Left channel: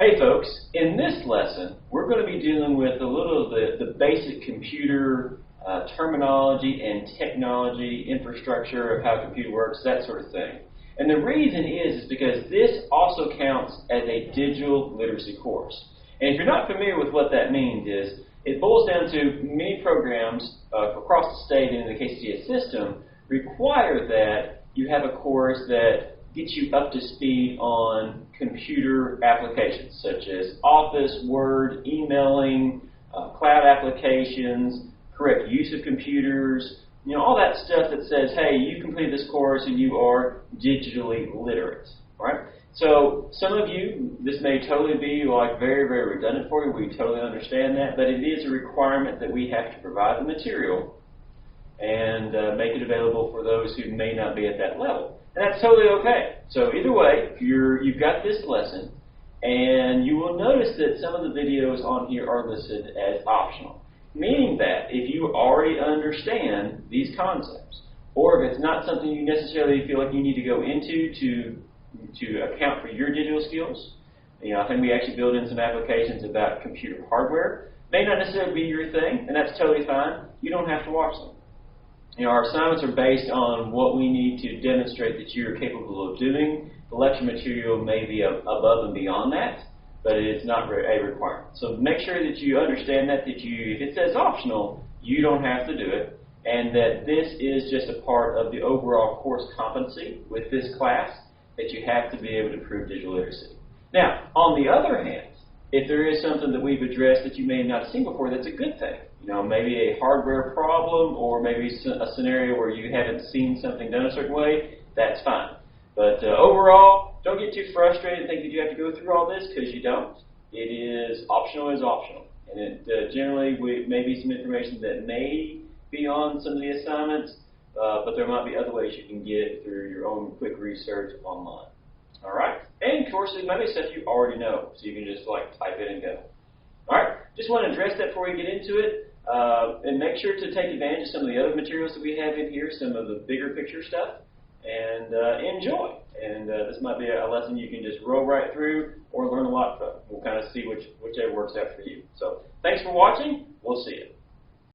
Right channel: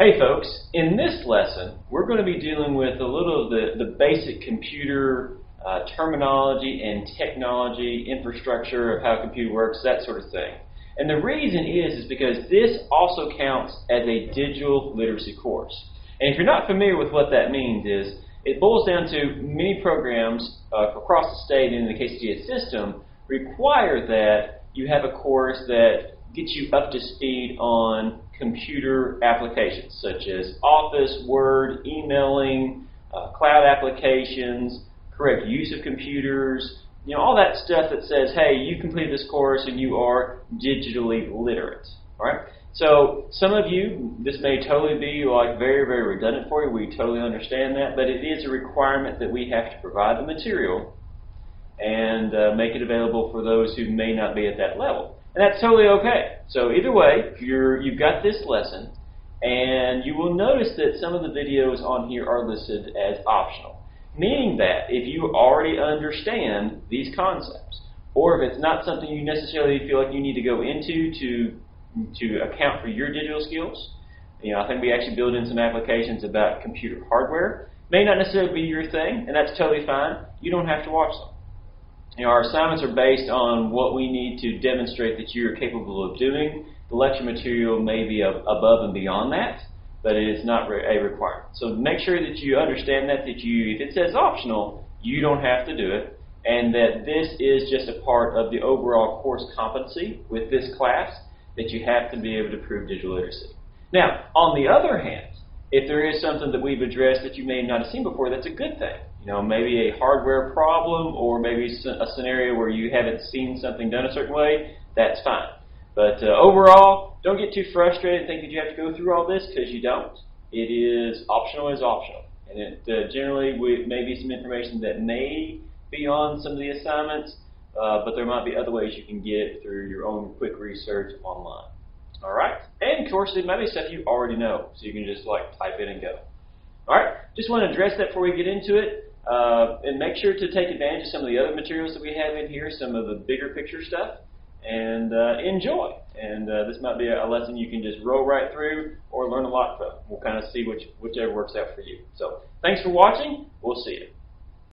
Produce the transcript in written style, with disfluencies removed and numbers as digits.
Hey folks, in this lesson we're going to be dealing with a little of the basic computer terminology and technology, infrastructure of how a computer works, that sort of thing. And the reason is because this also counts as a digital literacy course. And if you're not familiar with what that means is, it boils down to many programs across the state and in the KCGS system require that you have a course that gets you up to speed on computer applications such as Office, Word, emailing, cloud applications, correct use of computers, all that stuff that says, hey, you completed this course and you are digitally literate. All right? So some of you, this may totally be like very, very redundant for you. We totally understand that, but it is a requirement that we have to provide the material and make it available for those who may not be at that level. And that's totally okay. So either way, you've got this lesson, and you will notice that some of the videos on here are listed as optional, meaning that if you already understand these concepts, or if it's not something you necessarily feel like you need to go into to account for your digital skills, I think we actually build in some applications about computer hardware. May not necessarily be your thing, and that's totally fine. You don't have to watch them. Our assignments are based on what we need to demonstrate that you're capable of doing. The lecture material may be above and beyond that, but it is not a requirement. So make sure that you understand that if it says optional, you don't have to do it, and that this is just a part of the overall course competency with this class, that you have to be able to prove digital literacy. Now, on the other hand, if there is something that we've addressed that you may not have seen before, that's a good thing. Maybe a hardware problem or maybe a scenario where you haven't seen something done a certain way, that's fine. But overall, don't get too frustrated and think that you have to go through all this, because you don't. It is optional as optional. And it generally may be some information that may be on some of the assignments, but there might be other ways you can get it through your own quick research online. All right? And of course, it might be stuff you already know, so you can just type it and go. All right? Just want to address that before we get into it. And make sure to take advantage of some of the other materials that we have in here, some of the bigger picture stuff, and enjoy. And this might be a lesson you can just roll right through or learn a lot from. We'll kind of see whichever works out for you. So thanks for watching. We'll see you.